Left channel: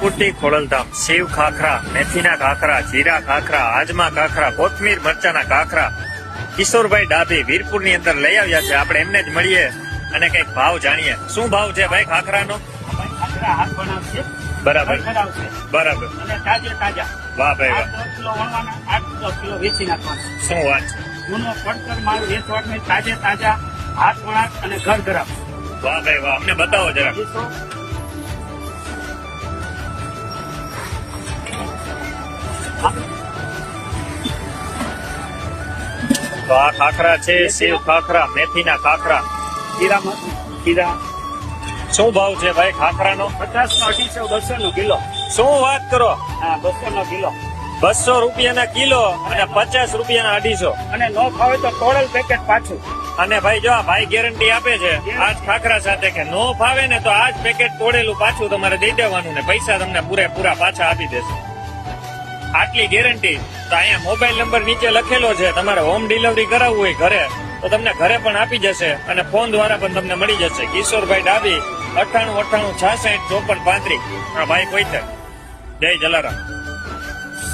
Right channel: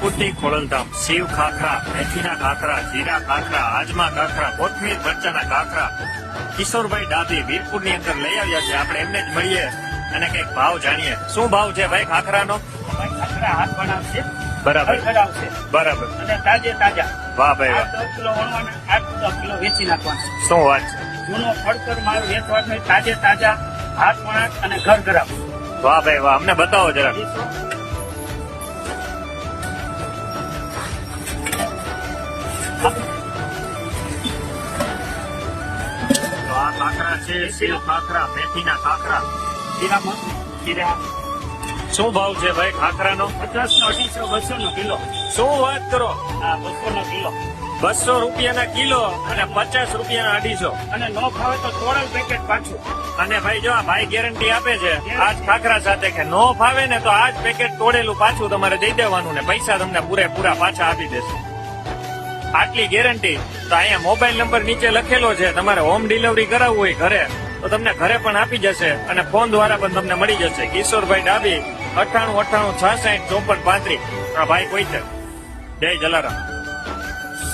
કુટી ખોડલધામ, શિવ ખાખરા, મેથીના ખાખરા, જીરા ખાખરા, આજમા ખાખરા, કોથમીર મરચાના ખાખરા કિશોરભાઈ ડાભી વીરપુર ની અંદર લઈ આવ્યા છે. આપણે એમને જ મળીએ અને કઈક ભાવ જાણીએ. શું ભાવ છે ભાઈ ખાખરાનો? હાથ બનાવશે, બરાબર કઢાવશે બરાબર. અને તાજે તાજા. વાહ ભાઈ વાહ, 10 કિલો વણવાના, 8 કિલો વેચી નાખવાના. શું વાત છે. જૂનો પડતર માલ વેચવાનો નહીં, તાજે તાજા હાથ વણાટ અને ઘર ગરમ. વાહ ભાઈ વાહ, અમને બતાવો જરા. તો આ ખાખરા છે શિવ ખાખરા, મેથીના ખાખરા. ખીરા શું ભાવ છે ભાઈ ખાખરાનો? 50 નો 250, 200 નો કિલો. શું વાત કરો, હા, 200 નો કિલો. 200 રૂપિયાના કિલો અને 50 રૂપિયાના 250. અને નો ખાવે તો તોડેલ પેકેટ પાછું. અને ભાઈ જો આ ભાઈ ગેરંટી આપે છે આજ ખાખરા સાથે કે નો ફાવે ને તો આજ પેકેટ તોડેલું પાછું તમારે દઈ દેવાનું ને પૈસા તમને પૂરેપૂરા પાછા આપી દેશે. આટલી ગેરંટી. તો અહીંયા મોબાઈલ નંબર નીચે લખેલો છે, તમારે હોમ ડિલિવરી કરાવવું હોય ઘરે તો તમને ઘરે પણ આપી જશે અને ફોન દ્વારા પણ તમને મળી જશે. કિશોરભાઈ ડાભી 98 98 66 54 35. હા ભાઈ કોઈ છે. જય જલારામ.